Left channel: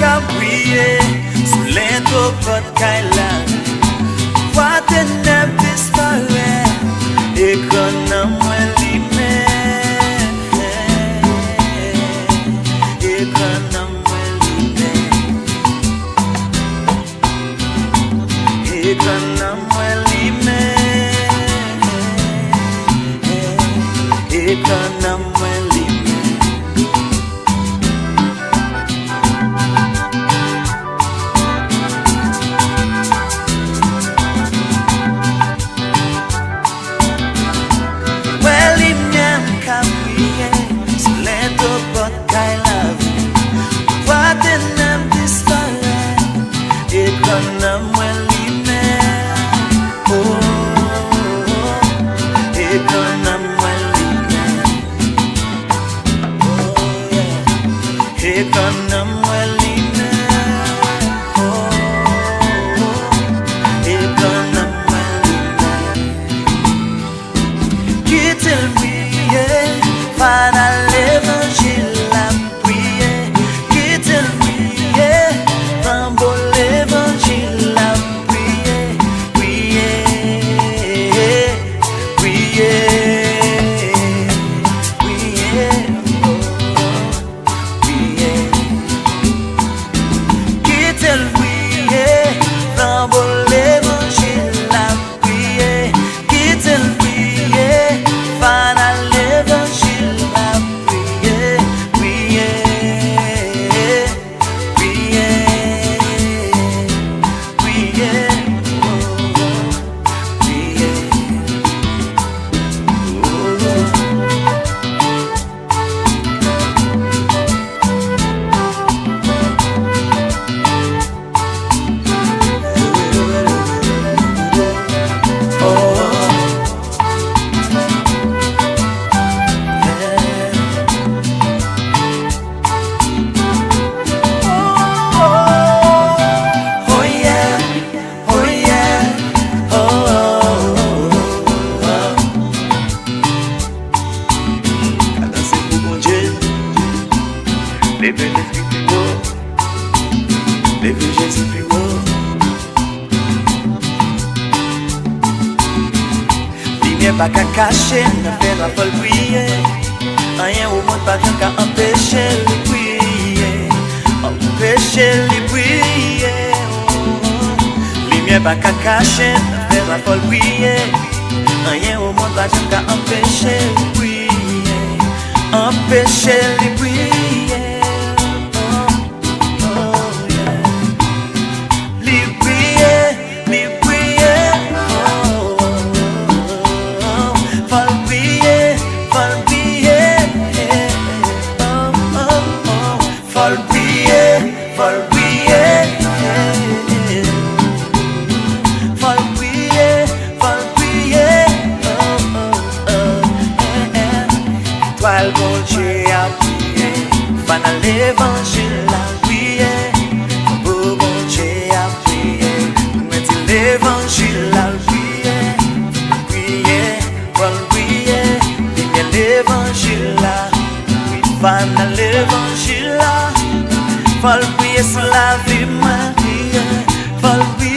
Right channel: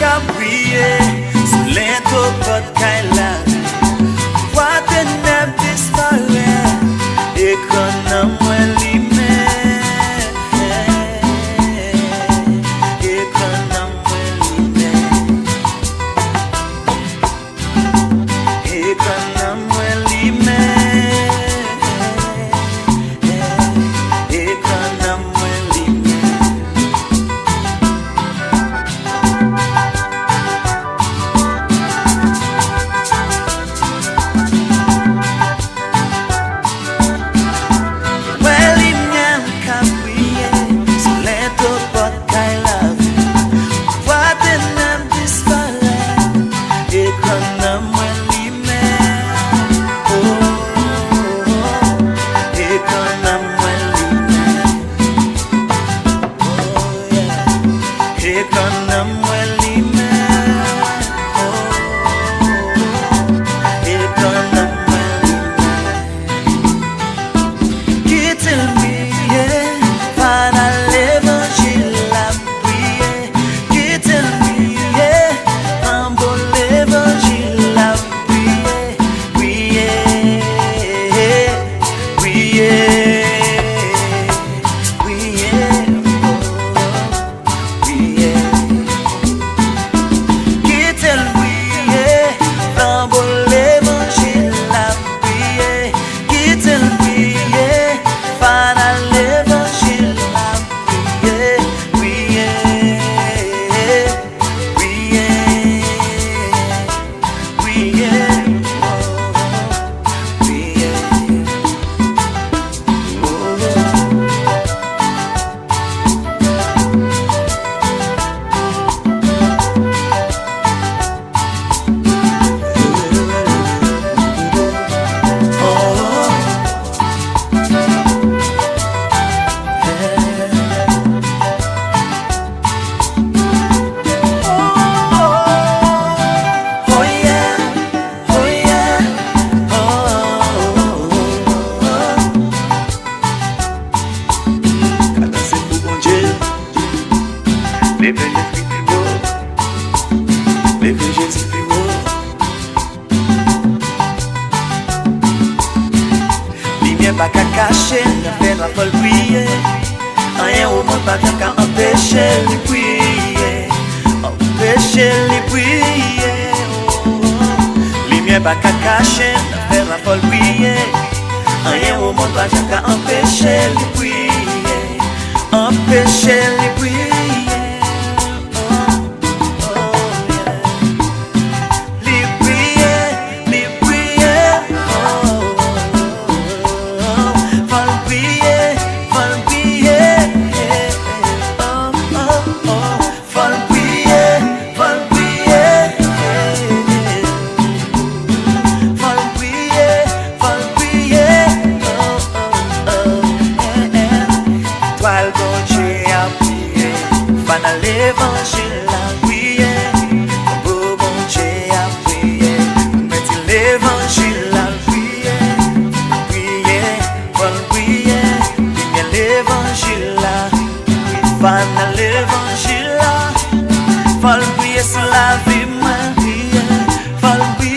ka briller sous l'intro Kaila. What the name disparaît et qu'on a moins limé. Et qu'on a moins limé. Et qu'on a moins limé. Et qu'on a moins limé. Kaila, what the name disparaît et qu'on a moins limé. Oh, et qu'on a moins limé. Oh, yeah. Et qu'on a moins limé. Oh, et qu'on a moins limé. Quitte-le billet, final évangile. Lève l'esprit plus haut, lève Jésus plus haut. Lumière pas qu'à cacher, n'a fait la folle briller. Rien au monde pas qu'à empêcher les briller, empêcher les briller. Lumière pas qu'à cacher, n'a fait la folle briller. Rien au monde pas qu'à empêcher les briller, empêcher les briller. Toile bon Dieu a prié, fan à l'évangile a prié. Bon Dieu a prié, mettez l'évangile a prié. Prié, vol prié, bien l'évangile là. Oui, fan à l'évangile là. Vol prié sur la vie, ma vie, vol prié.